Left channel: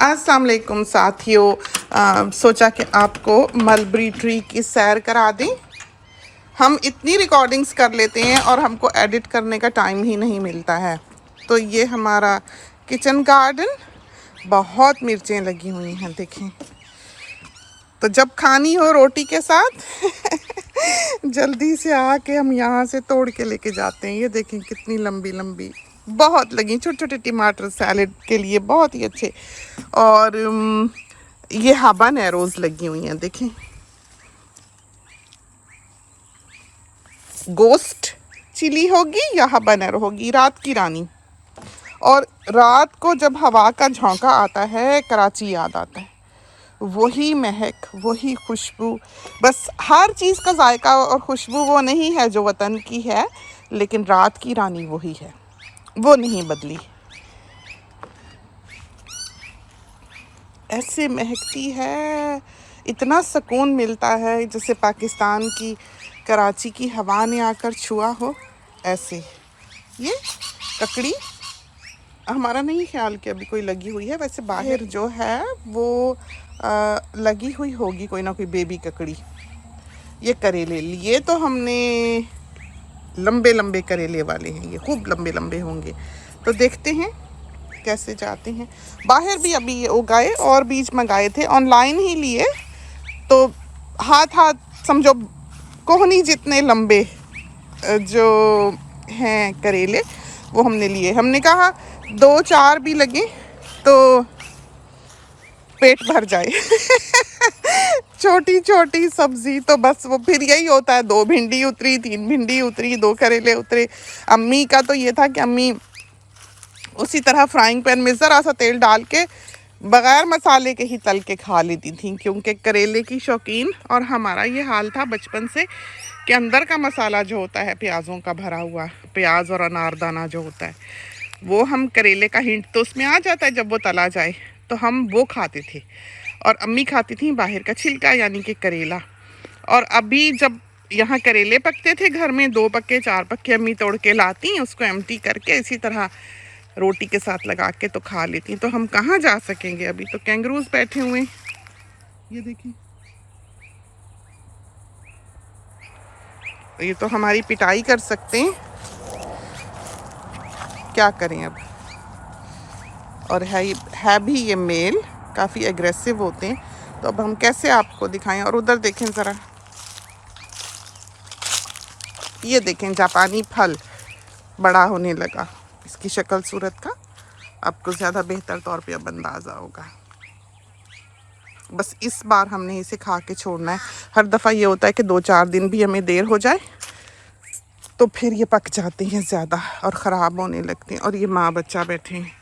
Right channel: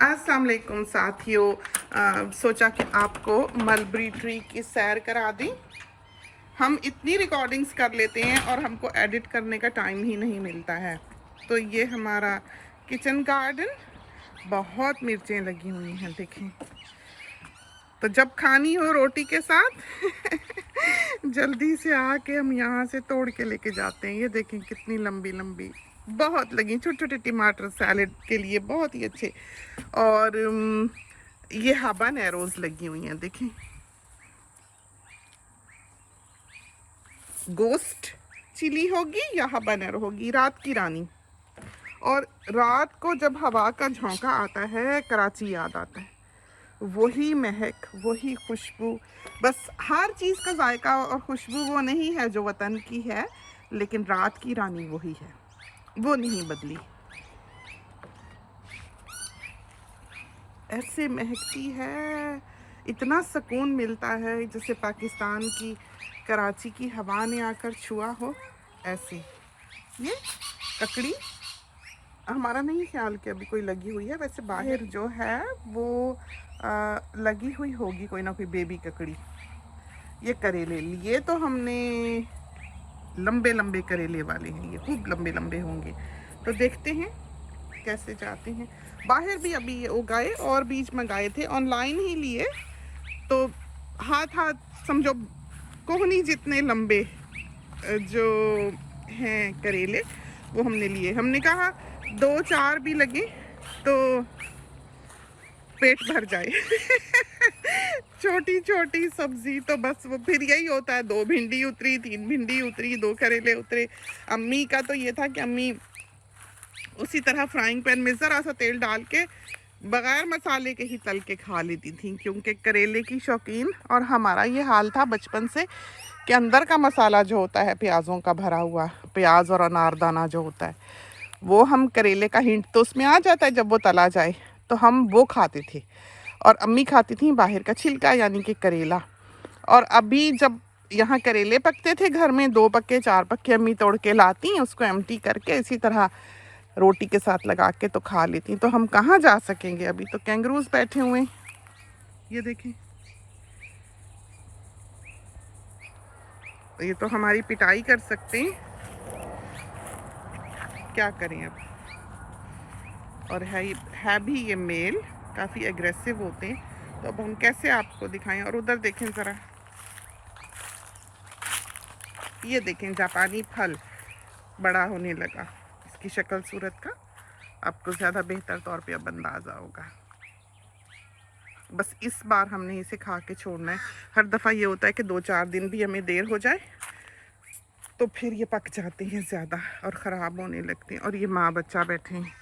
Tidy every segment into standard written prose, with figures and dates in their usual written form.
अस्सलाम वालेकुम साथियों, सोचा कि आपको मलबरी ट्री की सैर करा दें। हम इतनी रिकॉर्डिंग्स कर लेते हैं और हमको एडिट करने का टाइम ही नहीं मिलता है। तो ये हमारा किचन गार्डन, बहुत मिर्चें लगी हुई हैं देखें। तो जब खानी हो रोटी के साथ जल्दी से आके हम यहाँ से तोड़ के लेके जाते हैं। ये देखें कितनी लंबी लंबी बहुत लगी, छोटे छोटे टमाटर सैलेड के लिए बहुत ही अच्छे। और ये हाबानेरोज लगी हुई हैं देखें। गोस्ट चिली होगी या हाबानेरो होगी, रात की रानी। और रात को जब हवा का झोंका आता है कराची याद आता है, वही महक, वही खुशबू। बस हर चीज़ का जायका और खुशबू वो नहीं है जो वतन की है, लेकिन रात की रानी वही है, वो नहीं बदली। ऐसे महकती है, इतना सुकून मिलता है जैसे पाकिस्तान की कराची की हवा ने आकर छुआ हो। ऐसे ये ककड़ी हमारा नहीं ख्याल कि अभी कोई लगी हुई है, वैसे बाहर जो है वो लगी हुई होगी कोई ना कोई बेबी ककड़ी। ये करेले लिए तो हमने, लंबे लंबे करेले वाले हैं, ये खूब लंबे लंबे होंगे। तो देखते हैं कैसे जाते हैं। बाहर भी अभी ये उगाए और बीज मंगाए थे, ऑनलाइन ही लिए। तो हाथ हाथ समझो कोहनी जितने लंबे जो हैं करेले वो हमने लिए। हमने कहा 2-4 भी लगे तो पेट भर जाए छोटी छोटी सब्जी तो बस वो फिर यही होता है, 2 भिंडी उतरी, 3 भिंडी उतरी, 2 करेले उतरे। अम्मी का तो ये था कि अम्मी उसी तरह फ्राइंग पैन में ज़रा सा तेल डाल के बग़ैर मसाले के ही तल के खा लेती थी, क्योंकि करेले की शौकीन। और हमारा ये हाल था बचपन से कि अंदर का मसाला जो होता है प्याज़ों का भरा हुआ, प्याज और अनारदाना जो होता है, वो हम करेले का हिंट तो उसमें आ जाता है जब वो तला जाए, तो हम वो खाते थे। और अम्मी खाती थी बाहर का छिलका, यानी कि करेला। और अभी जब यहाँ करेले पकते थे घर में, 2 पक्के 4 पक्के अम्मी तोड़ के लाती, उसको एम्प्टी करके इसी तरह रोटी के साथ लगा के तो खा लेती। तो हम कहाँ जा सकेंगे, अभी तो कैंगरूज बैठे हुए हैं। ये देखें, ये तो हमारी पिटाई कर सकते हैं, क्या करें अब। और है भी ये मेल, काफ़ी एग्रेसिव होते हैं। तो अब हम कैसे आपको दिखाएं। और उधर देखें ज़रा, ये देखें जापानी फल बड़ा होने लगा। इसकी शक्ल सूरत का आपको ज़्यादा बेहतर तौर पे अब अंदाज़ा होगा। बस इस बार हमने इसे खा के छोड़ना है। हर दफ़ा ये होता है कि 2-4 दिन भी हमें देर हो जाए तो फिर ये पक जाते हैं ज़्यादा और ख़राब होने लगते हैं। और ये माँ बच्चा बैठे हैं।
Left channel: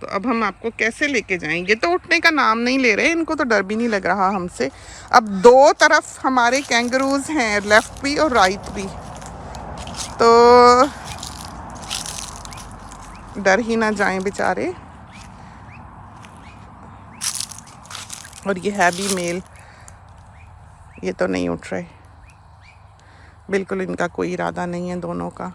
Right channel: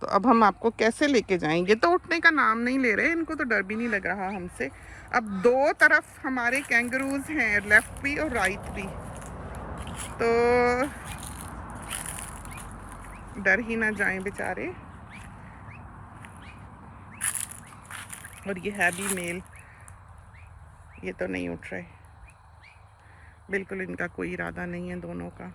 तो अब हम आपको कैसे लेके जाएंगे। तो उठने का नाम नहीं ले रहे, इनको तो डर भी नहीं लग रहा हमसे। अब 2 तरफ हमारे कैंगरूज हैं, लेफ्ट भी और राइट भी, तो डर ही ना जाएं बेचारे। और ये है भी मेल, ये तो नहीं उठ रहे, बिल्कुल इनका कोई इरादा नहीं है दोनों का।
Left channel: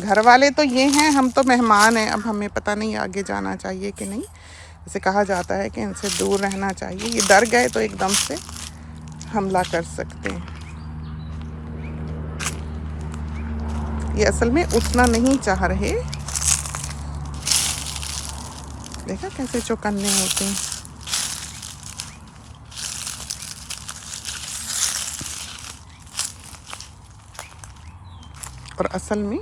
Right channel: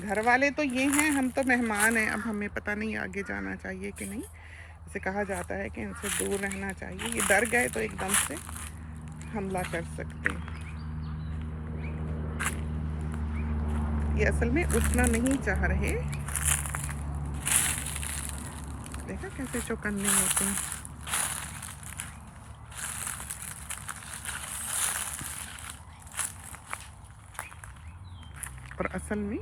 घर वाले तो ये हैं, हम तो मेहमान हैं। अब हमें पता नहीं आगे जाना चाहिए कि नहीं। जैसे कहा जाता है कि इनसे दूर रहना चाहिए, ये डर गए तो एकदम से हमला कर सकते हैं। ये असल में उठना नहीं चाह रहे, देखा कैसे चौकन्ने होते हैं। और असल में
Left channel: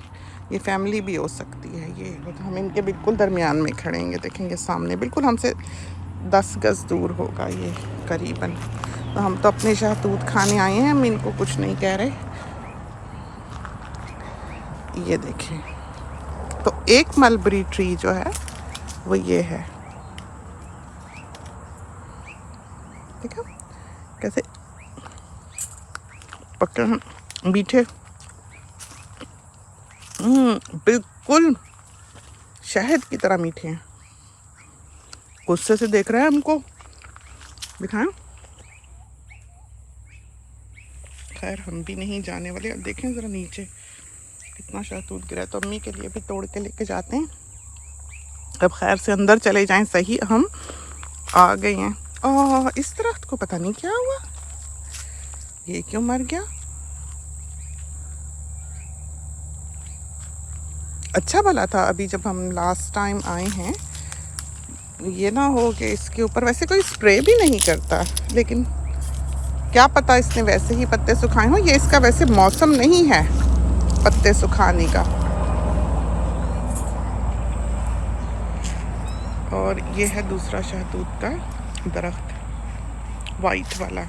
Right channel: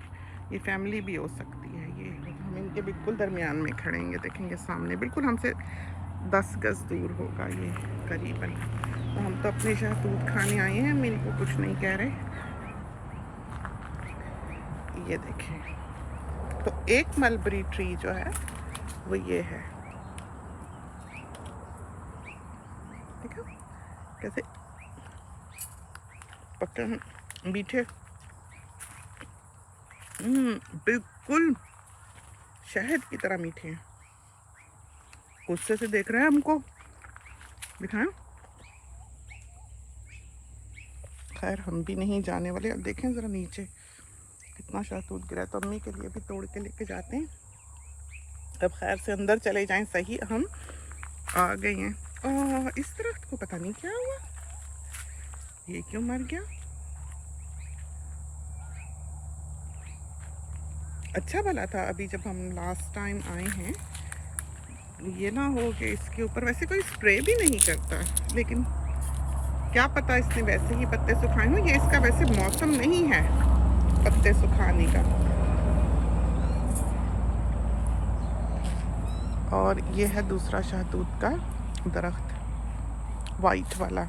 ये फैमिली भी हो सकती है। ये तो हम इनके बिल्कुल दरमियान में खड़ेंगे, देखेंगे सामने बिल्कुल हमसे 10 गज़ दूर होगा ये करीबन। तो हम तो अपने शहतूत खाने आए हैं, हम इनको कुछ नहीं कह रहे। ये देखिए, तो एक मलबरी ट्री जो है वो ये है, देखा कैसे पक्के हैं, मीठे, बिल्कुल शहद की तरह मीठे हैं। गुस्से से देख रहे हैं हमको, दिखाएं। खैर हम भी नहीं जाने वाले। अब देखें ज़रा नीचे कितना शहतूत गिरा है, तो अम्मी के लिए भी तोड़ के लेके जाते हैं। अब खैर से अंदर चले जाएं। सही हम आ गए हैं। और इस दरख्त को पता नहीं क्या हुआ, ये क्यों मर गया। अच्छा भला था अभी जब हम लास्ट टाइम आए हैं, ये ना हो कि इसके ऊपर वैसे कोई स्प्रे भी नहीं करता, लेकिन क्या पता इसने वैसे ही पत्ते सुखाए हों। ये इसका वैसे मौसम नहीं है पत्ते सुखाने का। और ये है दूसरा शहतूत का दरख्त, वाइट वाला।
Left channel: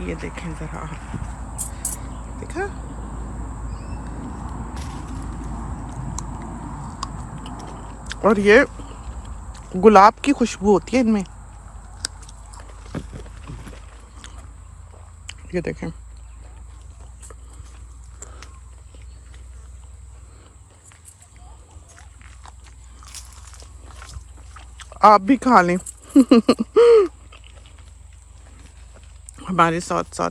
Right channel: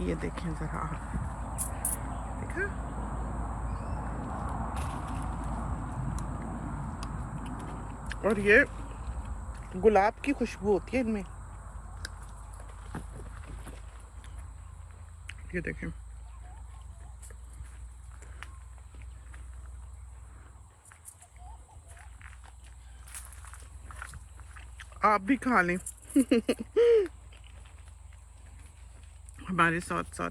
ये देखें ज़रा, देखा। और ये गुलाब की खुशबू होती है इनमें। ये देखें, आप भी खा लें हमारे साथ साथ।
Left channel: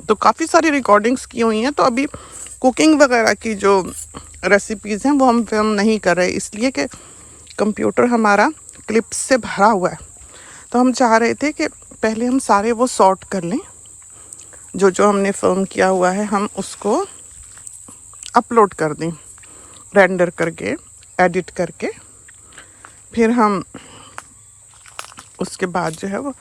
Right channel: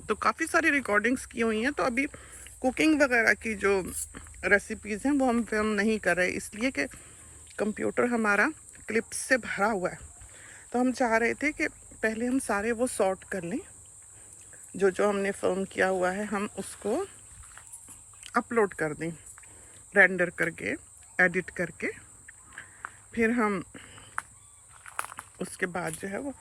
तो काफ़ी सारी रिकॉर्डिंग्स की हुई हैं, तो अभी कुकिंग वगैरह की जो रेसिपीज़ हैं वो हम फिल्म नहीं कर रहे, इसलिए कि कंप्यूटर हमारा क्लिप्स से भरा हुआ है। तो हम चाह रहे थे कि पहले हम सारे वो सॉर्ट कर लें, जो जो हमने फिल्म किया हुआ है हम उसको अपलोड कर दें, रेंडर करके, एडिट करके। फिर हम उसके बाद जो है वो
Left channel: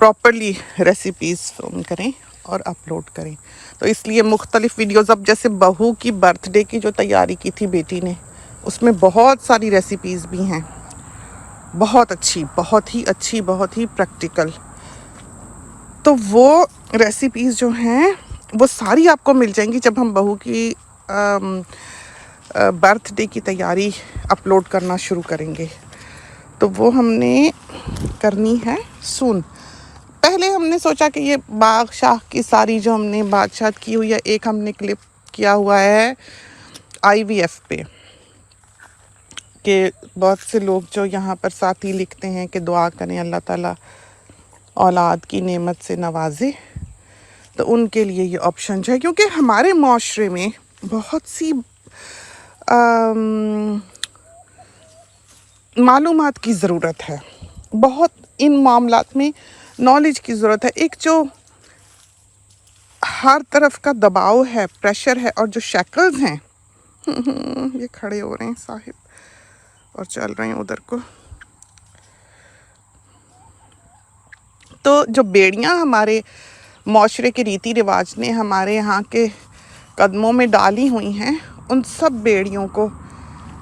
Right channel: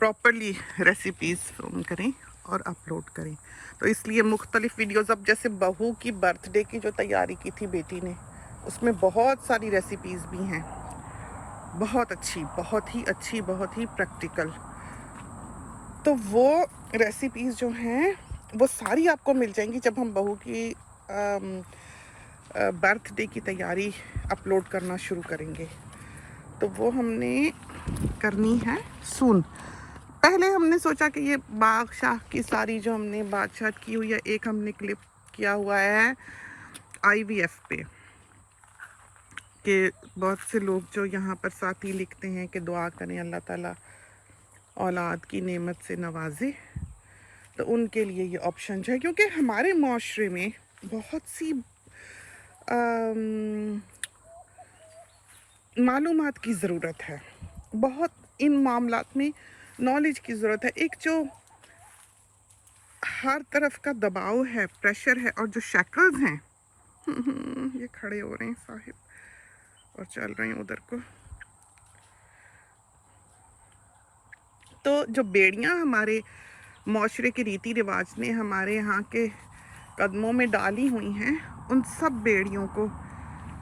प्रॉपरली रेसिपीज़ फिल्म करें और अपलोड करें। तो इसलिए मुख्तलिफ वीडियोज़, अब जैसे बहू की बर्थडे की जो तैयारी की थी बेटी ने, उसमें बहुत सारी रेसिपीज़ भी हैं, बहुत अच्छी, बहुत ही अच्छी, बहुत ही प्रैक्टिकल। तो वो रेसिपीज़ जो हैं वो सारी आपको मिल जाएंगी जब हम बहू की बर्थडे की तैयारी अपलोड करना शुरू करेंगे। तो वो हमने करनी है सून। पहले हमने सोचा कि ये बादशाह की सारी जो हमने बादशाह की हुई है, एक हमने क्लिप किया हुआ है IVF पे, कि बहुत से लोग जो यहाँ पर साथी लिखते हैं कि दुआ करें अल्लाह ताला औलाद की नेमत से नवाजे, तो उनके लिए ये ऑप्शन है। क्योंकि हमारे माशरे में बहुत सी मालूमात की ज़रूरत है, बहुत इन मामलात में नॉलेज की ज़रूरत है। एक जो हर तरफ का दबाव है, प्रेशर है, और जो शैकल्स हैं ये खड़े हो रहे हैं साहिब और चल रहे हैं उधर को। तो जो बेड़ियां हमारे माशरे के रीति रिवाज ने हमारे यहाँ के कदमों में डाली हुई हैं, उन सब बेड़ियों को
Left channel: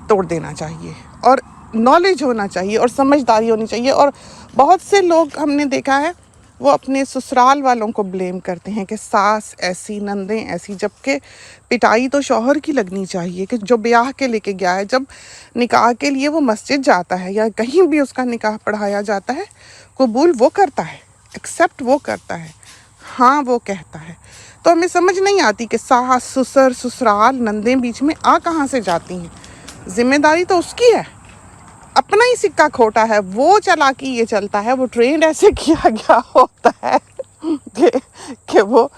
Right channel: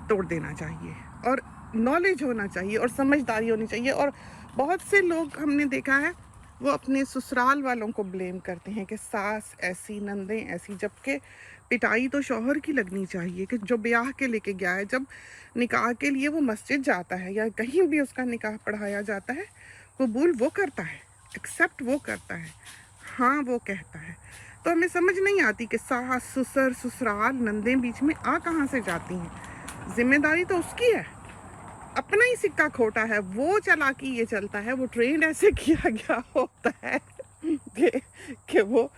तोड़ देना चाहिए, और नॉलेज होना चाहिए, और समझदारी होनी चाहिए। और बहुत से लोग हमने देखा है वो अपने ससुराल वालों को ब्लेम करते हैं कि सास ऐसी, नंदें ऐसी, जबकि पिटाई तो शौहर की लगनी चाहिए कि जो ब्याह के लेके गया है। जब निकाह के लिए वो मस्जिद जाता है या कहीं भी उसका निकाह पढ़ाया जाता है, कबूल वो करता है, एक्सेप्ट वो करता है, हाँ वो कहता है। तो हमें समझ नहीं आती कि सास, ससुर, ससुराल, नंदें बीच में आ कहाँ से जाती हैं। जिम्मेदारी तो उसकी है, अपना ही सिक्का खोटा है, वो चालाकी ये चलता है, वो ट्रेंड ऐसे किया गया होता है कि वो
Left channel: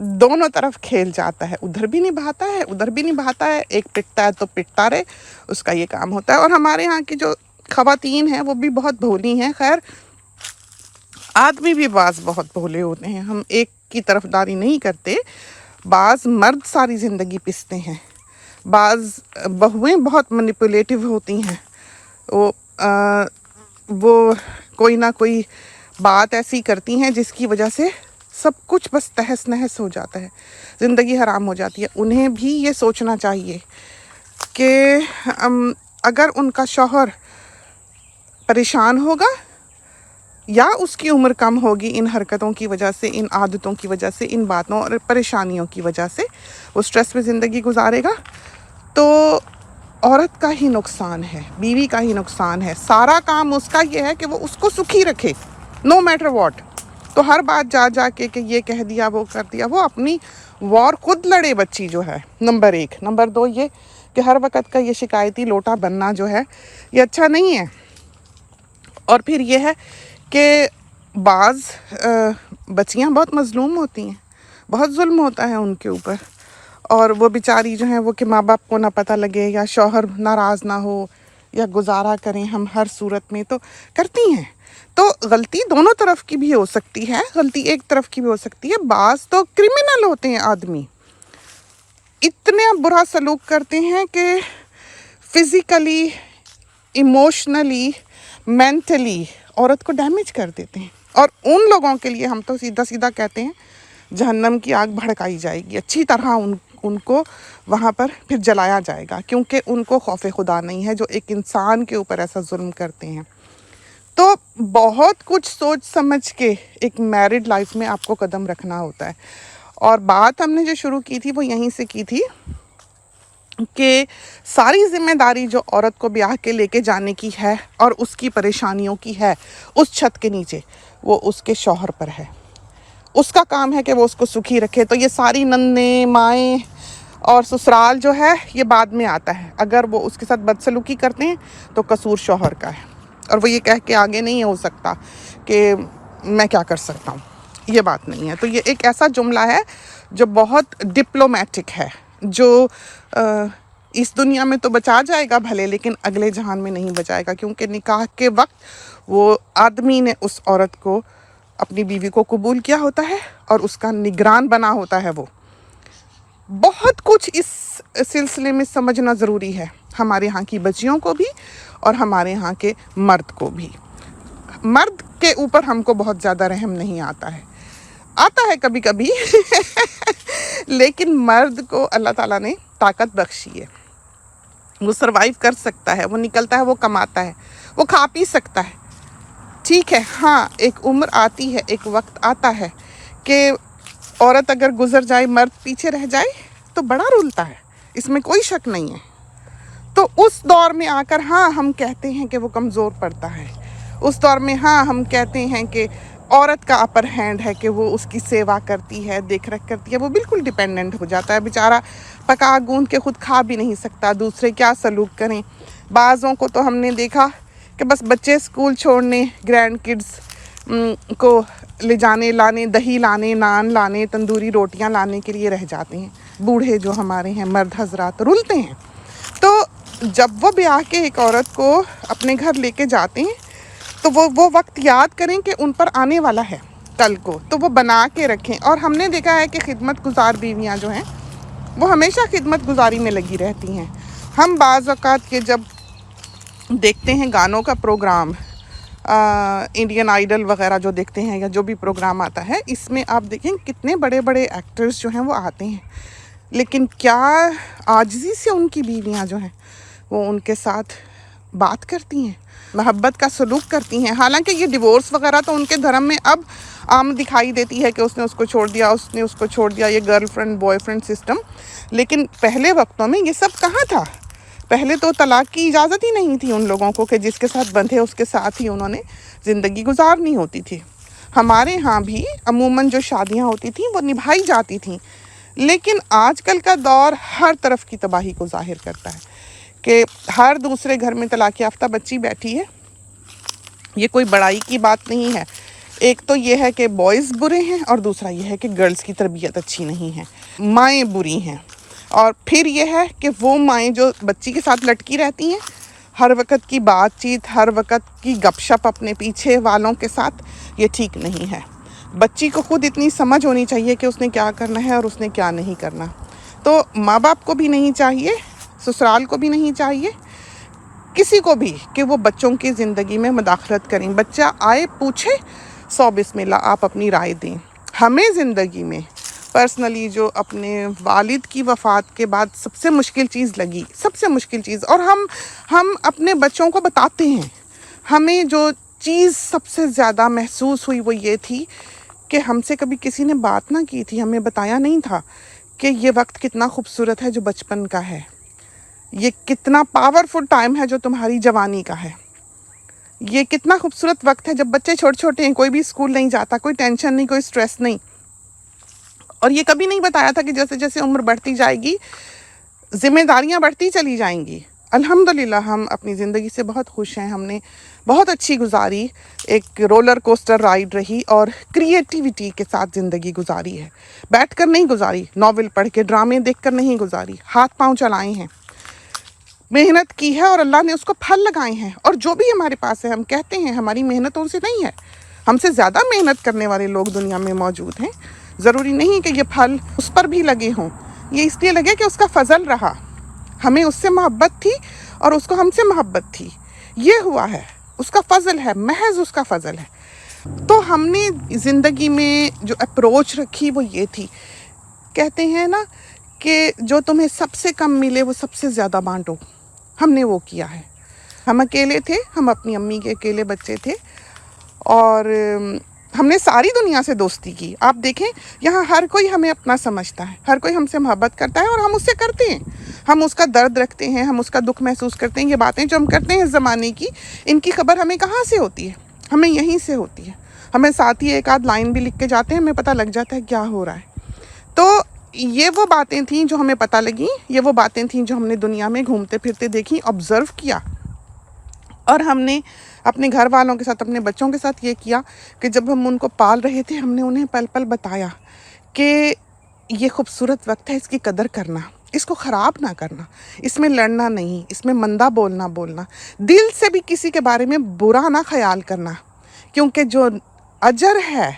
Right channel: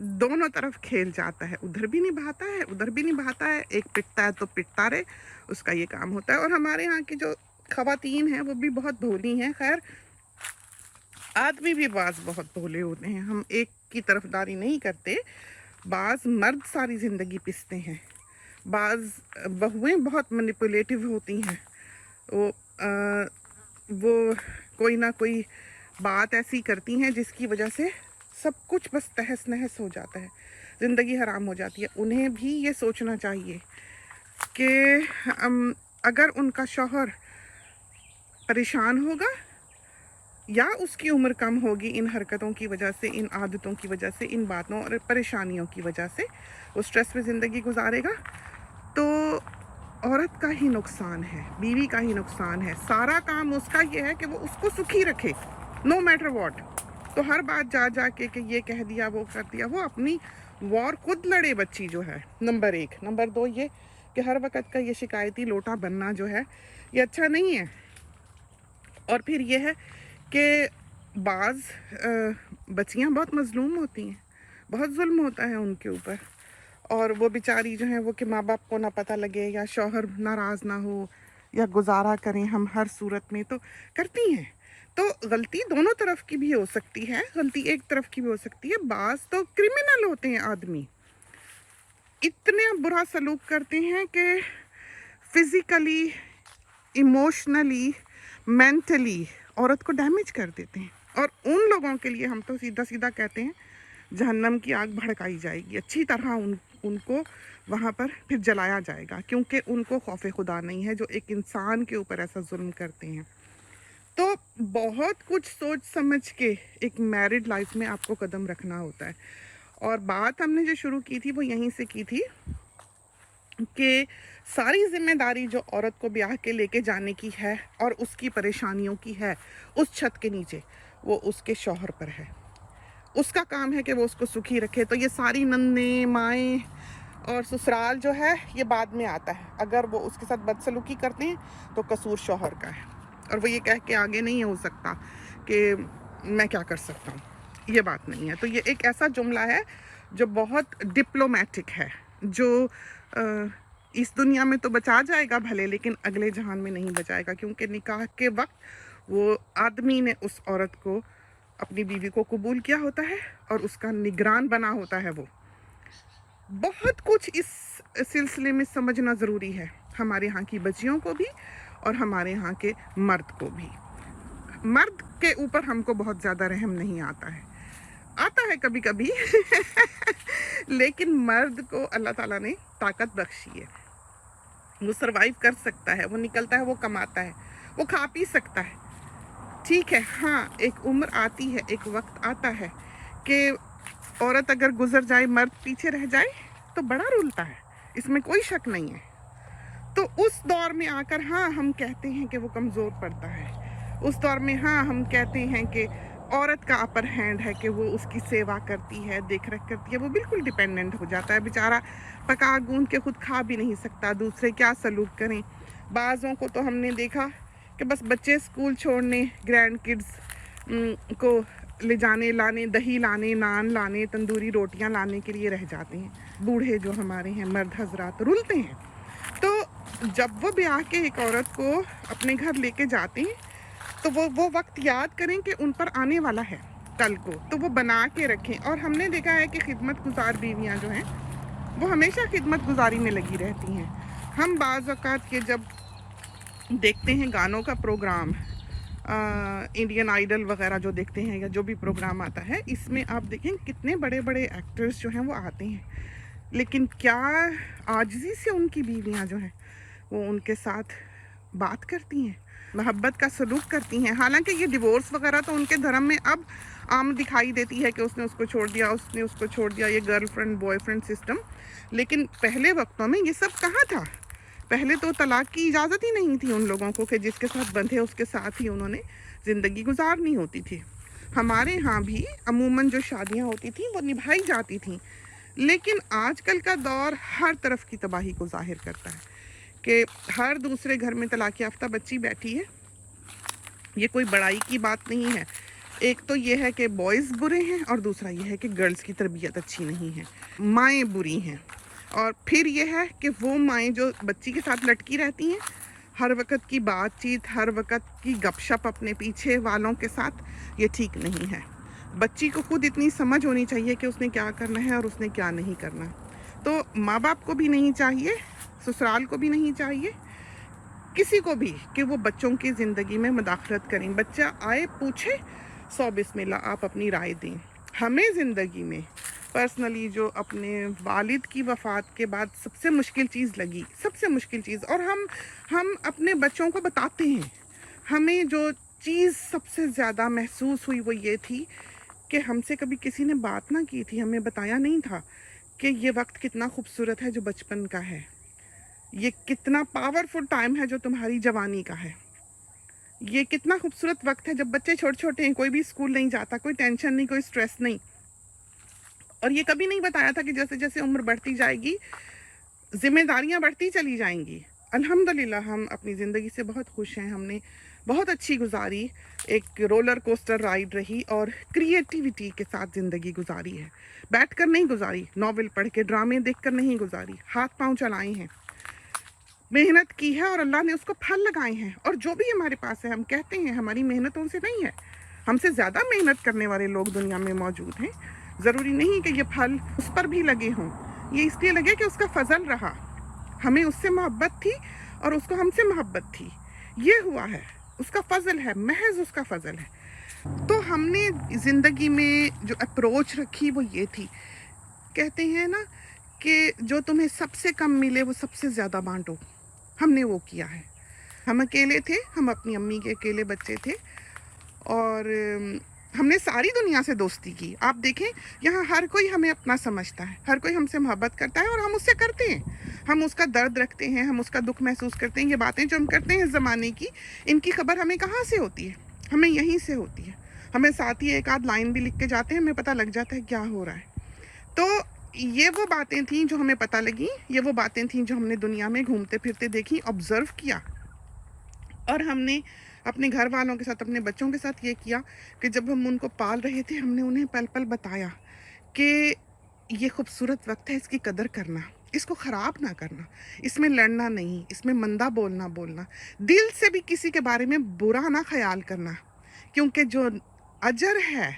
दोनों तरफ खेल जाता है, उधर भी निभाता है, उधर भी निभाता है। एक पिटता है तो पिटता रहे, उसका ये काम होता है। और हमारे यहाँ की जो ख़वातीन हैं वो भी बहुत भोली हैं। खैर आदमी भी बाज़ बहुत भोले होते हैं, हम एक की तरफदारी नहीं करते। बाज़ मर्द सारी ज़िंदगी पिसते हैं, बाज़ बहुएं बहुत मैनिपुलेटिव होती हैं। वो कोई ना कोई बात ऐसी करती हैं जिसकी वजह से सब कुछ बस तहस नहस हो जाता है, ज़िंदगी हराम हो जाती है। उन्हें भी ये सोचना चाहिए कि अगर उनका शौहर परेशान होगा या उसकी उम्र कम होगी इन हरकतों की वजह से, इन आदतों की वजह से, इन बातों और परेशानियों की वजह से वो स्ट्रेस में ज़िंदगी गुजारेगा, तो औरत का ही नुकसान है, बीवी का ही नुकसान है। सारा काम उसका ये है कि वो उसको सुखी रखे, नो मैटर व्हाट। تو ہر بات جا جا کے کہ یہ کہہ دیا وہ کر دیا، وہ اپنی وار خود لڑے بچی جو ہے، نمبر 1۔ نمبر 2 یہ کہ ہر وقت کا یہ شکایتی لوٹا بننا جو ہے یہ اچھا نہیں ہے۔ اور پھر یہ ہے کہ بعض بچیاں بہت مظلوم ہوتی ہیں، بہت ظلم ہوتا ہے ان کے اوپر، اور وہ بیچاری جو ہیں وہ کہ ماں باپ کو نہ پتہ لگے یا شوہر ناراض نہ ہو یا گزارا کریں ہم ہر صورت میں، تو کرتی ہیں۔ تو غلطی دونوں طرف کی بھی ہو سکتی ہے، غلطی ایک طرف کی بھی ہو سکتی ہے۔ بعض تو کرمنل ہوتے ہیں آدمی، اتنے برا سلوک کرتے ہیں کہ فزیکلی، ایموشنلی، مینٹلی عورت کو ڈیمیج کر دیتے ہیں، اور ان لوگوں کے لیے ہم تو سیدھا سیدھا کہتے ہیں جہنم کی آگ بھڑکائی جائے گی، اچھی طرح ان کو وہاں پر پھر جلایا جائے گا، کیونکہ ان کو خوف خدا نہیں ہے جو ایک انسان کے اوپر ایسا ظلم کرتے ہیں۔ تو بہت کچھ سوچ سمجھ کے ایک میرڈ لائف میں آپ کو قدم رکھنا ہوتا ہے۔ اور بات ہم نے جو شروع کی تھی وہ یہیں سے کی تھی کہ ساری ذمہ داری جو عورت کو بیاہ کے لے کے جانے کی ہے اور اس کی پریشانیوں کی ہے اس چھت کے نیچے، وہ اس کے شوہر پر ہے۔ اس کا کام ہے کہ وہ اس کو سکھی رکھے۔ تو یہ ساری ننیں مائیں اور سسرال جو ہے یہ بعد میں آتا ہے، اگر وہ اس کے ساتھ بدسلوکی کرتے ہیں تو قصور شوہر کا ہے، اور وہ یہ کہہ کے آگے نہیں ہو سکتا کہ میں کیا کر سکتا ہوں، یہ بات نہیں ہے۔ تو یہ ایک ایسا جملہ ہے جو بہت ڈپلومیٹک ہے، جو اس دنیا میں تو بچا جائے گا بھلے، لیکن اگلے جہان میں نہیں بچائے گا، کیونکہ نکاح کے وقت وہ آدمی نے اس عورت کو، اپنی بیوی کو قبول کیا ہوتا ہے اور اس کا نگران بنا ہوتا ہے۔ وہ بہت کچھ اس سلسلے میں سمجھنا ضروری ہے، ہمارے ہاں کی بچیوں کو بھی اور ہمارے ہاں کے مرد کو بھی۔ مرد کے اوپر ہم کو بہت زیادہ رحم نہیں آتا ہے کبھی کبھی لیکن مرد کو اللہ تعالیٰ نے طاقت بخشی ہے، وہ سروائیو کر سکتا ہے، وہ نکلتا ہے، وہ کماتا ہے، وہ کھا پی سکتا ہے، ٹھیک ہے۔ ہاں ایک عمر آتی ہے، ایک وقت آتا ہے کہ عورت اگر گزر جائے، مرد پیچھے رہ جائے تو بڑا رولتا ہے، اس میں کوئی شک نہیں ہے۔ تو اس دور میں آ کر ہاں ہم کہتے ہیں کہ وہ کمزور پڑتا ہے، اس دور میں ہاں ہم کہتے ہیں کہ عورت کا اپر ہینڈ ہے، کہ وہ اس کی سیوا کرتی ہے، دیکھ ریکھ کرتی ہے، وہ بالکل ڈیپینڈنٹ ہو جاتا ہے بیچارہ، پکا گوندھ کے خود کھا بھی نہیں سکتا، دوسرے کیا سلوک کریں۔ بعضوں کو تو ہم نے دیکھا کہ بس بچے اسکول چھوڑنے، گرینڈ کڈز کو لے جانے لانے، دہی لانے، نان لانے، تندوری روٹیاں لانے کے لیے رہ جاتے ہیں۔ بوڑھے جو ہمارے ہیں مرد حضرات رولتے ہیں۔ تو جب وہ بیاہ کے ایک عورت کو اپنے گھر لے کے جاتے ہیں تو وہ وقت یاد کریں کہ ان پر آنے والا ہے کل کو، تو وہ بنا کے رکھیں۔ اور ہم نے دیکھا ہے کہ خدمت گزار بیویاں جو ہیں وہ ہمیشہ خدمت گزاری میں لگی رہتی ہیں۔ ہم بعض اوقات کے جب دیکھتے ہیں گانوں کا پروگرام، انڈین آئیڈل وغیرہ جو دیکھتے ہیں یا جو بھی پروگرام آتا ہے، اس میں آپ دیکھیں کتنے بڑے بڑے ایکٹرز جو ہیں وہ آتے ہیں، لیکن کیا عاجزی سے ان کی بیویاں جو ہیں وہ ان کے ساتھ بات کرتی ہیں، محبت کا سلوک کرتی ہیں۔ حالانکہ یہ ڈیورس وغیرہ تو ان کے دھرم میں اب عام دکھائی دیتی ہے کہ اس نے اس کو چھوڑ دیا، اس نے اس کو چھوڑ دیا، یہ girl friend boy friend system, لیکن پہلے وقتوں میں یہ سب کہاں تھا؟ پہلے تو طلاق کی اجازت ہی نہیں تھی ان لوگوں کو کہ جس کے ساتھ بندھے اس کے ساتھ ہی انہوں نے زندگی گزارنی ہوتی تھی۔ ہمارے ہاں بھی عموماً جو شادیاں ہوتی تھیں وہ نبھائی جاتی تھیں، لیکن آج کل کا دور ہر طرف کی تباہی کو ظاہر کرتا ہے کہ ہر دوسرے گھر میں طلاق یافتہ بچی بیٹھی ہے۔ یہ کوئی بڑائی کی بات نہیں ہے۔ ایک تو یہ ہے کہ بوائز برے ہیں، اور دوسرا یہ ہے کہ گرلز کی تربیت اچھی نہیں ہے، مائیں بری ہیں۔ اور پھر یہ ہے کہ وہ مائیں جو بچی کے ساتھ لٹکی رہتی ہیں، ہر وقت کی بات چیت، ہر وقت کی گپ شپ اپنے پیچھے والوں کے ساتھ، یہ ٹھیک نہیں ہے۔ بچی کو خود اتنی سمجھ ہونی چاہیے کہ اس نے کیا کرنا ہے اور اس نے کیا نہیں کرنا۔ تو ماں باپ کو بھی نہیں چاہیے، سسرال کو بھی نہیں چاہیے، کسی کو بھی، کہ وہ بچوں کی زندگی میں مداخلت کریں۔ بچہ آئے پوچھے، 100 بسم اللہ آپ اپنی رائے دیں۔ ہمیں زندگی میں پرسنلی جو اپنے والد کی وفات کے بعد سب سے مشکل چیز لگی، سب سے مشکل چیز، اور ہم اپنے بچوں کو بتاتے ہیں، ہمیں جو چیز سب سے زیادہ محسوس ہوئی وہ یہ تھی کہ ہم سے کبھی کسی نے بات نہ کی تھی، ہمیں بتایا نہیں تھا کہ یہ وقت کتنا خوبصورت ہے جو بچپن کا ہے، یہ کتنا پاورفل ٹائم ہے جو تمہاری جوانی کا ہے، ये कितना खूबसूरत वक्त है जब बच्चे छोटे छोटे हैं, कोई भी स्कूल नहीं जाता, कोई टेंशन नहीं, कोई स्ट्रेस नहीं। और ये कभी नहीं बताया था कि जैसे जैसे उम्र बढ़ती जाएगी जिम्मेदारियां बढ़ती चली जाएंगी। अल्हम्दुलिल्लाह हम अपनी ज़िंदगी से बहुत खुश हैं, हमने बहुत अच्छी गुजारी, एक रोलर कोस्टर राइड रही और क्रिएटिविटी के साथ ज़िंदगी गुजारी है। बैठ कर नहीं गुजारी, नॉवेल पढ़ के, ड्रामे देख कर नहीं गुजारी, हाथ पांव चलाए हैं, मेहनत की है और अल्लाह ने उसको फल लगाए हैं। और जो भी हमारे पास है हम कहते हैं हमारी मेहनत उनसे नहीं है, हमसे ज़्यादा मेहनत करने वाले लोग दुनिया में मौजूद हैं। ज़रूरी नहीं कि ये फल उस पर भी लगे हों, ये इसलिए लगे कि उसका फजल रहा, हमें उससे मोहब्बत थी और उसको हमसे मोहब्बत थी, ये हुआ है, उसका फजल है, महज उसका फजल है। तो हमने ज़िंदगी में जो अप्रोच रखी वो ये थी, कहते हैं ना कि जो तुम्हें सबसे कम मिले वो सबसे ज़्यादा बांटो, हमने वो किया है। हम अकेले थे, हम अपनी अम्मी के अकेले बच्चे थे और हमने सारी दुनिया से दोस्ती की। आप देखें यहाँ हर कोई हमें अपना समझता है, हर कोई हमसे मोहब्बत करता है और हम उससे करते हैं, हम उसका दर्द रखते हैं, हम उसका दुख महसूस करते हैं। ये बातें जो हम करते हैं इस ज़माने की, इनकी खबर हमें कहाँ से होती है? हमें यहीं से होती है। हमें साथ ही एक आध लाइन भी लिख के जाते हैं, हमें पता लग जाता है क्या हो रहा है। तो ये वो बातें थीं जो हमें पता लगी, ये वो बातें थीं जो हमने दुनिया में घूमते फिरते देखी, ऑब्ज़र्व किया। और हमने अपने घर वालों के साथ, अपने बच्चों के साथ ये किया कि जब हम उनको पाल रहे थे हमने उन्हें पल पल बताया कि ये खूबसूरत वक्त है, इसकी कदर करना, इसको ख़राब ना करना, इसमें लड़ना नहीं, इसमें मंदा बोलना, दिल से भी किसी के बारे में बुरा ना ख्याल करना, क्योंकि जो अजर है,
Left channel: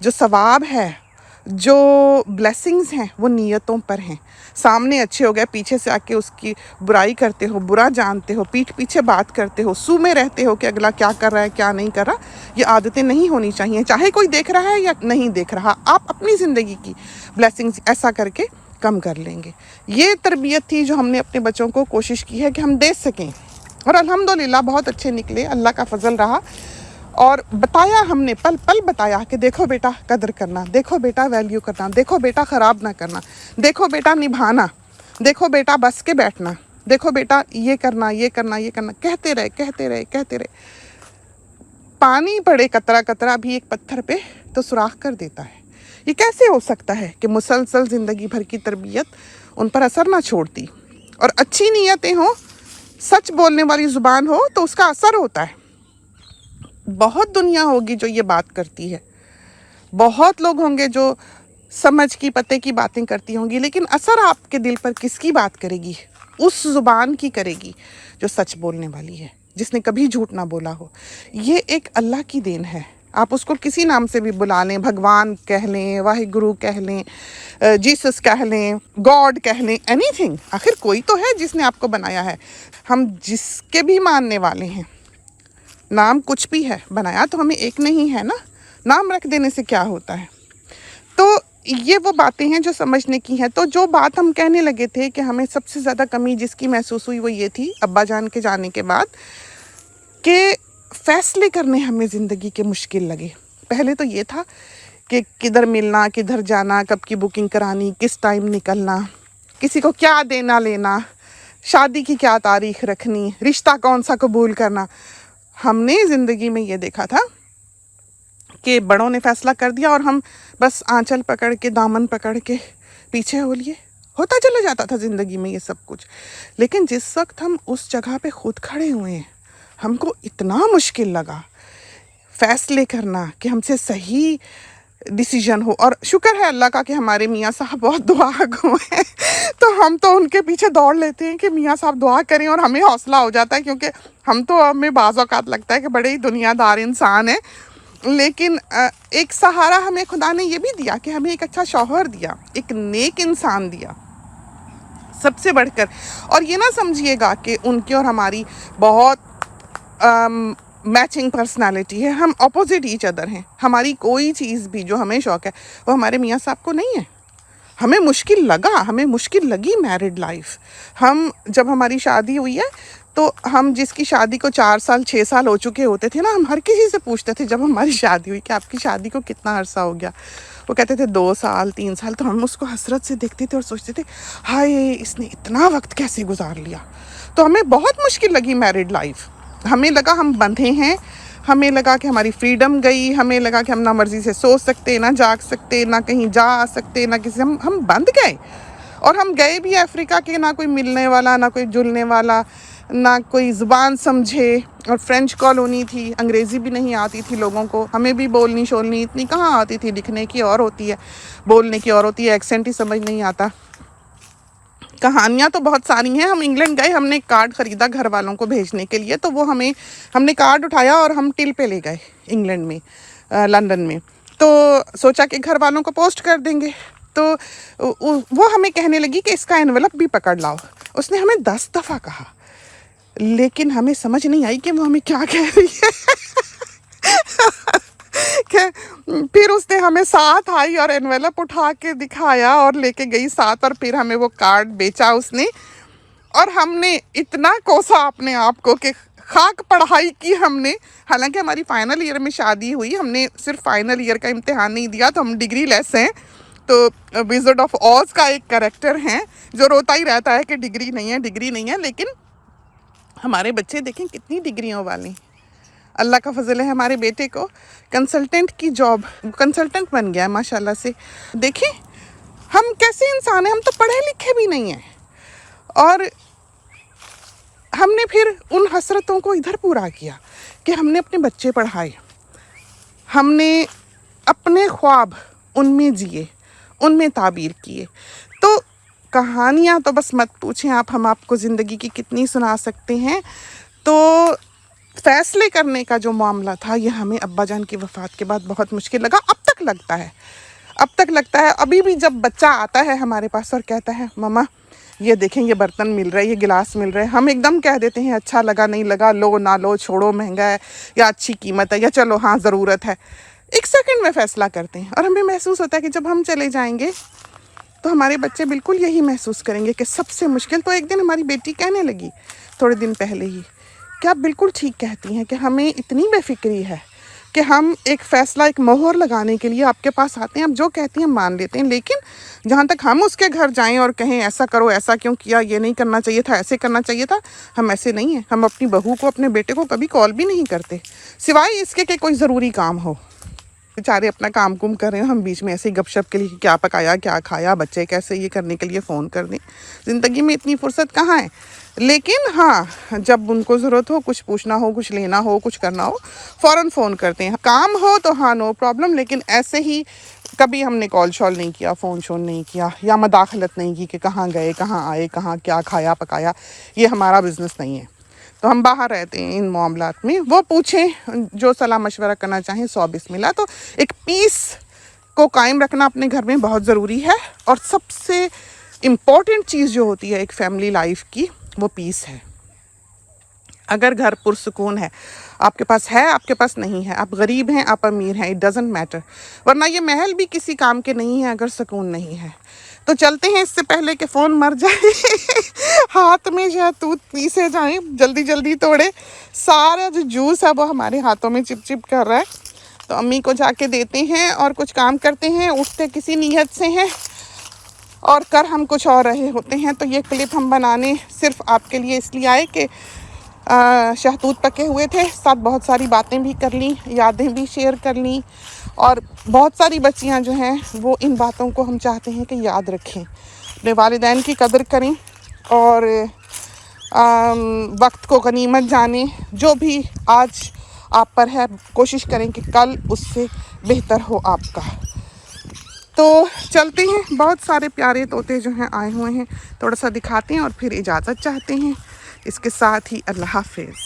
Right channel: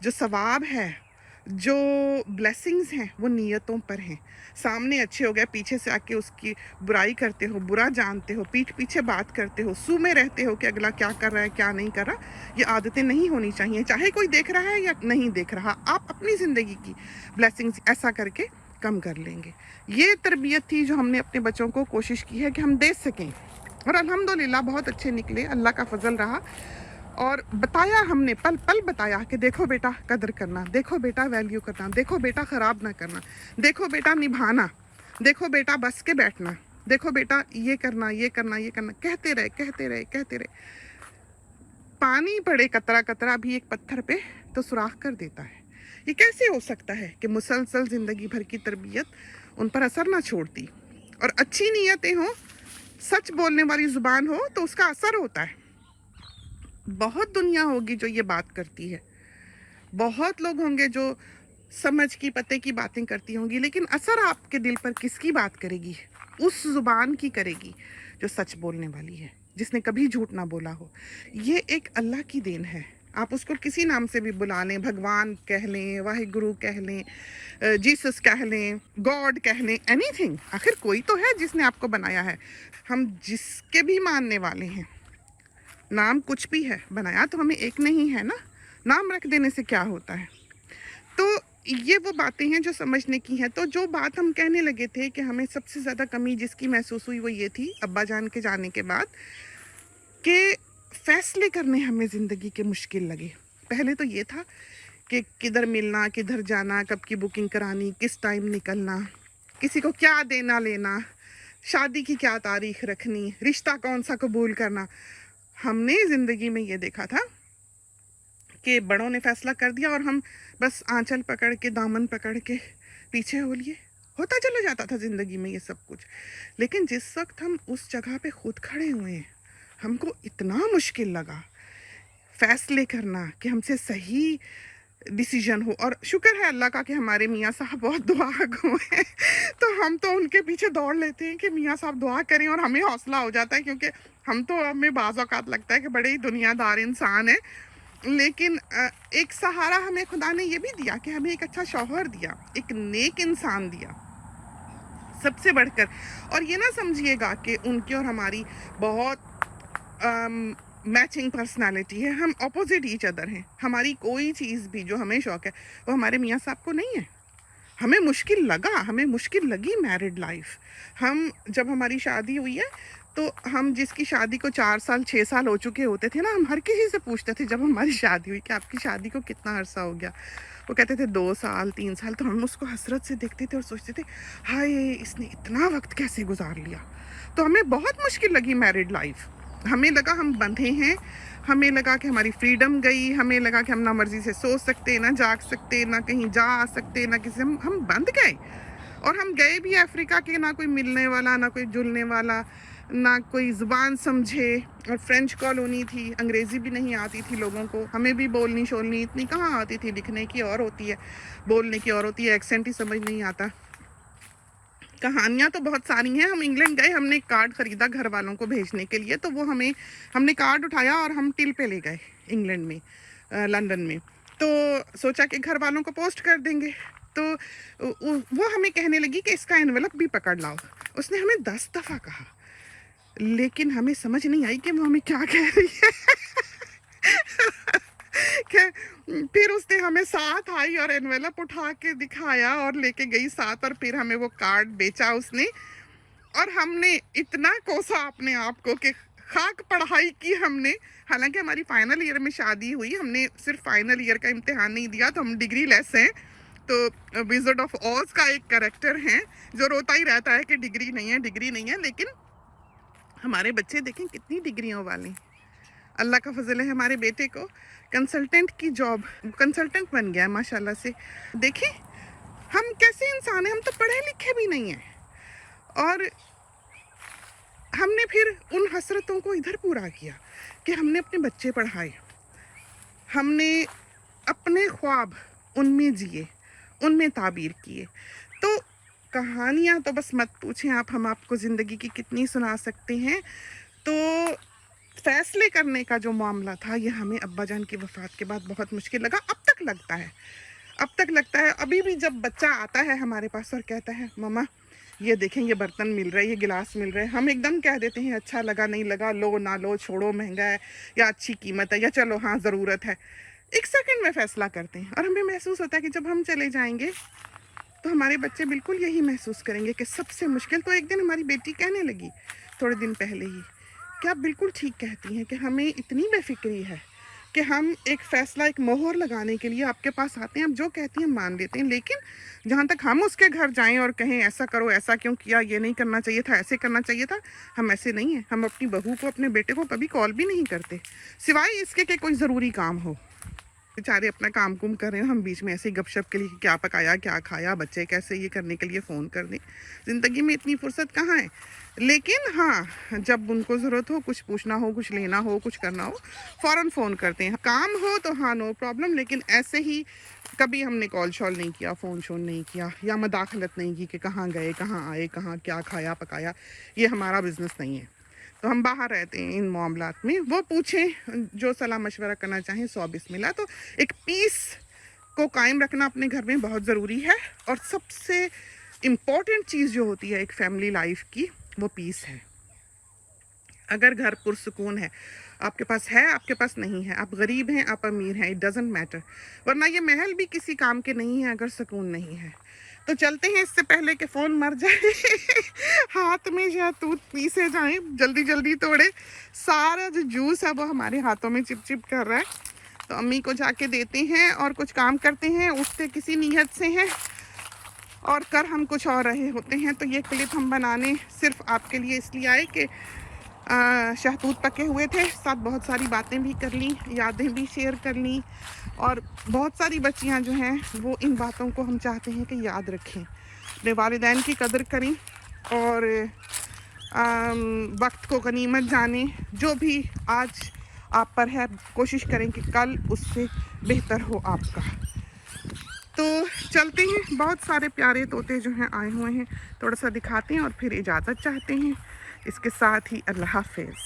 जो सवाब है, जो ब्लेसिंग्स हैं वो नीयतों पर हैं। सामने अच्छे हो गए, पीछे से आके उसकी बुराई करते हो, बुरा जानते हो, पीठ पीछे बात करते हो, सू में रहते हो कि अगला क्या कर रहा है क्या नहीं कर रहा, ये आदतें नहीं होनी चाहिए। चाहे कोई देख रहा है या नहीं देख रहा, आप अपनी ज़िंदगी की ब्लेसिंग्स ऐसा करके कम कर लेंगे। ये तरबियत थी जो हमने अपने बच्चों को कोशिश की है कि हम दे सकें और अल्हम्दुलिल्लाह बहुत अच्छे निकले, अल्लाह का फजल रहा। और बताया हमने, पल पल बताया कि देखो बेटा कदर करना, देखो बेटा वैल्यू करना, देखो बेटा ख़राब ना करना, देखो बेटा निभाना, देखो बेटा बस के बैठना, देखो बेटा ये करना, ये करना, ये करना, कहते रहे। पानी पड़े कतरा कतरा भी एक पत्थर पे तो सुराख कर देता है। ये कैसे हो सकता है कि मुसलसल ज़िंदगी भर की तरबियत उन पर असर ना छोड़ती? और अच्छी नीयतें हों, सच बोलने वाली ज़ुबान हो तो उसका असर होता है। बहुत दुनिया होगी जो ये बात करती है, बहुत लोग होंगे जो समझ की पते की बातें करती होंगी, लेकिन असर आपके दिल पर किसकी बात करेगी? उस ज़ुबान की करेगी जो सच बोलने वाली है, जिसने कभी झूठ ना बोला हो। ये एक अल्लाह की देन है। आप उसको किसी नाम से भी बुला लें, भगवान कह लें, वाहिगुरु कह लें, जीसस कह लें, गॉड कह लें, एनीथिंग, आखिर कोई तो है जिसने आपको बनाया है। हम जिसके भी मानने वाले हैं, नाम कुछ भी है, बनाया तो हमें एक नहीं है ना, नाम रख देने से क्या होता है? तो ये वो बातें हैं जो समझने की हैं। तो जो बात हम कहने लगे थे कि हमें सबसे ज़्यादा कमी जिसकी महसूस हुई वो ये थी अब्बा जान के जाने के बाद, कि फ़ैसले करने हमें ज़िंदगी के मुश्किल लगे। पहले तो ये था कि किधर मिलना, किधर जाना, कब की बुकिंग करानी, किस टाइम निकलना, किसी को क्या देना लेना, शादी की क्या तारीख रखनी, रिश्ता कौन सा कबूल करना। हमने ज़िंदगी में ये देखा था कि बड़ों ने फ़ैसला कर दिया और हम बस आंचल पकड़ के, दामन पकड़ के पीछे हो लिए, होता चला जाता था ज़िंदगी में ये सब कुछ। लेकिन जिस वक्त हम उस जगह पे खुद खड़े हुए हैं, हमको इतना मुश्किल लगा फ़ैसले करना कि हमसे सही डिसीजन हो। और शुक्र है अल्लाह का कि हमारे मियाँ साहब बहुत दुआ गो हैं, तो हम तो उनके पीछे दौड़ लेते हैं कि मियाँ साहब दुआ करें और हमें हौसला हो जाता है, क्योंकि हम तो हमें बाज़ औक़ात लगता है कि बड़े ही दुनियादार इंसान हैं। लेकिन एक सहारा हमें खुदा ने ये भी दिया कि हमें एक अच्छा शौहर दिया, एक नेक इंसान दिया सबसे बढ़कर। और ये ना समझिएगा कि उनकी और हमारी बहुत मैचिंग पर्सनालिटी है, हम ऑपोजिट ईच अदर हैं। हमारी कोई चीज़ भी जो हमें शौक़ है वो हमारे मियाँ साहब को नहीं है। हमें मुश्किल लगा, हमें मुश्किल लगी मैरिड लाइफ। हम जब हमारी शादी हुई है तो हम जिसकी शादी को 4 साल 6 साल हो चुके होते थे ना, हम हर किसी से पूछते थे जब हमारी शादी हुई कि आपकी शादी को कितना अरसा हो गया। वो कहते थे 2 साल 3 साल। तो हम उसको हसरत से देखते थे और सोचते थे हाय इसने इतना वक्त कैसे गुजार लिया। तो हमें बहुत मुश्किल लगी मैरिड लाइफ। हमें लगा हम बंधे हैं, हमें लगा कि हमारी फ्रीडम गई, हमें लगा कि हम ना मर्जी से सोच सकते, ना जाग सकते, ना कहीं जा आ सकते, ना किसी हम बंध गए। और हम गए भी अफ्रीका के, ना कोई मिलने वाला, ना कोई जुलने वाला, ना कोई ज़ुबान समझे। और फ्रेंच कॉलोनी थी, अंग्रेज़ी भी नहीं आती थी लोगों को, हमें भी बोलनी शोलनी इतनी कहाँ आती थी, लिखने की और होती है, बोलने की और होती है, एक्सेंट ही समझ नहीं आता। कहानियाँ तो बहुत सारी हैं। हम इंग्लैंड गए, हमने कार्ड ख़रीदा घर वालों को भेजने के लिए, तो वो हमने कार्ड उठाया और हम टिल पे ले गए इंग्लैंड में, लंदन में। तो सोचा कि घर वालों को पोस्ट कर देंगे। तो वो हमें कहने लगी कि इसका एनवेलप भी पकड़ लाओ। उसने हमें 10 दफ़ा कहा, लेकिन हमें समझ नहीं आई कि वो हमें क्या कह रही है। फिर उसने हमें साथ आई और एनवेलप उठा के दिखाया और लेके गई साथ, और फिर हमें वो कार्ड बेचा उसने। और हमने इतना कोसा अपने आप को कि खाक पढ़ाई की हमने। हालांकि हमारी फाइनल ईयर में शादी हुई, हमने सिर्फ फाइनल ईयर का इम्तिहान नहीं दिया, तो हम डिग्री लेस हैं। तो विज़र्ड ऑफ ऑज का एक कैरेक्टर है जो रोता ही रहता है कि डिग्री नहीं है, डिग्री नहीं है। लेकिन हमारे बच्चे देखें कितनी डिग्रियों वाली। अल्लाह का फजल है, हमारे बेटे को कंसल्टेंट की जॉब, कंसल्टेंट बन गया है माशाल्लाह से। देखिए हम कैसे इंसान हैं, हम तो पढ़े लिखे भी नहीं हैं। और हमने फिर उन हसरतों को इधर पूरा किया कि हमने अपने बच्चे पढ़ाए, हमने अपने ख्वाब उनमें जिए, उनमें ताबीर किए। तो कहानियाँ तो बस मत पूछें आप, हम आपको ज़िंदगी की कितनी सुना सकते हैं। तो फ़ैसले करने का जो मामला था, ये हमें अब्बा जान की वफ़ात के बाद बहुत मुश्किल लगा। अब तक लगता है। अभी भी जब बच्चा आता है हमारे पास और कहता है मम्मा ये देखें, ये बर्तन मिल रहे हैं, ये गिलास मिल रहे हैं, हम एकदम कह देते हैं अच्छा लगा, नहीं लगा, लो ना लो, छोड़ो, महंगा है या अच्छी कीमत है, या चलो हाँ ज़रूरत है। 1 सेकंड में फ़ैसला करते हैं। और हमें महसूस होता है कि जब हम चले जाएंगे तो हमारे बच्चे बिल्कुल यही महसूस करेंगे कि सबसे मुश्किल। तो एक दिन हमारी बेटी कहने लगी थोड़े दिन पहले ही कि आप बिल्कुल ठीक कहती हैं कि हमें इतनी बेफिक्री है कि हम एक फ़ैसला, एक मोहर लगाने के लिए आपके पास आते हैं, हम जो कहती हैं मान लेते हैं, लेकिन जहाँ तक हम उसके घर जाएं और कहें ऐसा करो, ऐसा क्यों किया, ये नहीं करना चाहिए था, ऐसे करना चाहिए था, हम ऐसे नहीं हैं। हम अपनी बहू को, अपने बेटे को कभी कॉल भी नहीं करते, सिवाय इसके कि कोई ज़रूरी काम हो। बेचारे अपना काम कुम कर रहे हैं, हम बीच में ऐसे ही गपशप के लिए क्या पकाया, क्या खाया, बच्चे कैसे, ये करने के लिए फ़ोन कर दें। ज़िंदगी में इतनी फुर्सत कहाँ है। लेकिन हाँ, जब उनको ज़रूरत हो, कुछ पूछना हो, कुछ लेना हो, कुछ करना हो, फ़ौरन फ़ोन करते हैं। काम हो तो हाँ नो प्रॉब्लम, लेकिन ऐसे ही कभी हमने कॉल शॉल नहीं किया, फ़ोन शोन नहीं किया, या मदाखलत नहीं की कि कहाँ गए, कहाँ आए, कहाँ क्या खाया पकाया। ये हमारा बिज़नेस नहीं है। तो हम बाहर रहते हैं इन मामलात में। वो पूछें, जो सलाह मशवरा करना चाहें, 100 बिस्मिल्लाह। तो एक पीस को कायम रखना अपने घर में बहुत ज़रूरी है। और सबसे इम्पॉर्टेंट चीज़ जो होती है एक फैमिली लाइफ की, वो पीस है। अगर घर पुरसुकून है, आपके पास है, आपके पास नहीं है, आप गरीब हैं, आप अमीर हैं, इट डज़ंट मैटर। वरना ये महल भी किसी काम के नहीं है अगर सुकून नहीं है। तो चलते हैं, इससे पहले कि फ़ोन मर जाए हाथ में शहतूत पीसे जाएं, जल्दी जल्दी तोड़े। सारा जो जूस है वो हमारे हाथों में चिप चिप कर रहा है। तो अम्मी को जाके देते हैं और कुछ काम करते हैं। उठते किसी नीयत से हैं और कर हम कुछ और रहे होते हैं। तो ये क्लिप हम बनाने सिर्फ आपके लिए इसलिए आए कि शहतूत पके हुए थे, साथ बहुत सारी बातें भी कर ली, यादें भी शेयर कर ली। और बहुत सारी बच्चियां जो हैं वो इन बातों को हम चाहते हैं कि याद रखें, अपने वालिदैन की कदर करें और वक्त को गनीमत जानें। जो भी आज आप पर है, कोशिश करें कि कल उससे बेहतर हो आपका। तो चलते हैं, बहुत सारे प्यारे तोते जो हैं आए हुए हैं, थोड़ा सा दिखाते हैं और फिर इजाज़त चाहते हैं। इसके साथ ही अल्लाह हाफिज़।